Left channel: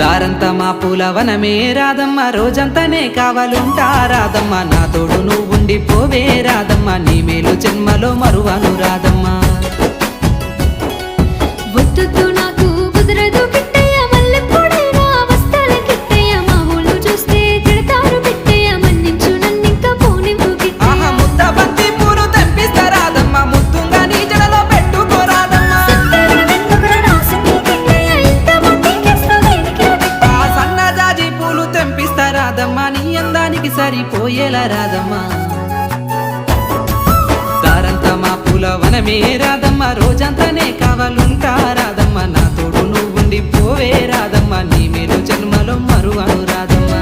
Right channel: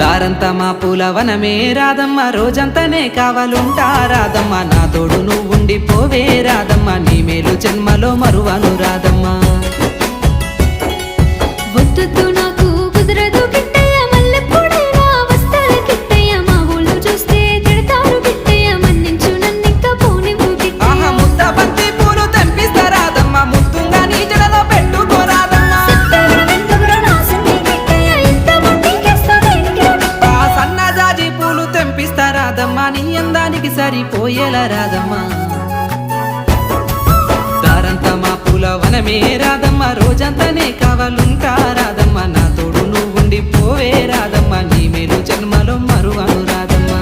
దారంతా మా పూలవనమే రాదమ్మ, రోజంతానే కావాలుంటా రాదమ్మ, నా తోడు నువ్వుండి పోవే రాదమ్మ, నీ మేలు జన్మలో మరువను రాదమ్మ. వద్దు నాకు కుదరదు కిట్టయ్య, మల్లెప్పుడైనా వస్తాల కిట్టయ్య, మా ఊళ్ళు చూస్తే తిడతారు కిట్టయ్య, మన్నించు నన్నింకా పోనివ్వు కిట్టయ్య. ముద్ద బంతి పూలు తెంపిస్తా రాదమ్మ, ముద్దుంగా నీ జడలో పెట్టుకోరాదమ్మ. సన్నజాజి పూలు తెంపిస్తా రాదమ్మ, నీ అందానికి సరిపోయేలా రాదమ్మ. దారంతా మా పూలవనమే రాదమ్మ, రోజంతానే కావాలుంటా రాదమ్మ, నా తోడు నువ్వుండి పోవే రాదమ్మ, నీ మేలు జన్మలో మరువను రాదమ్మ.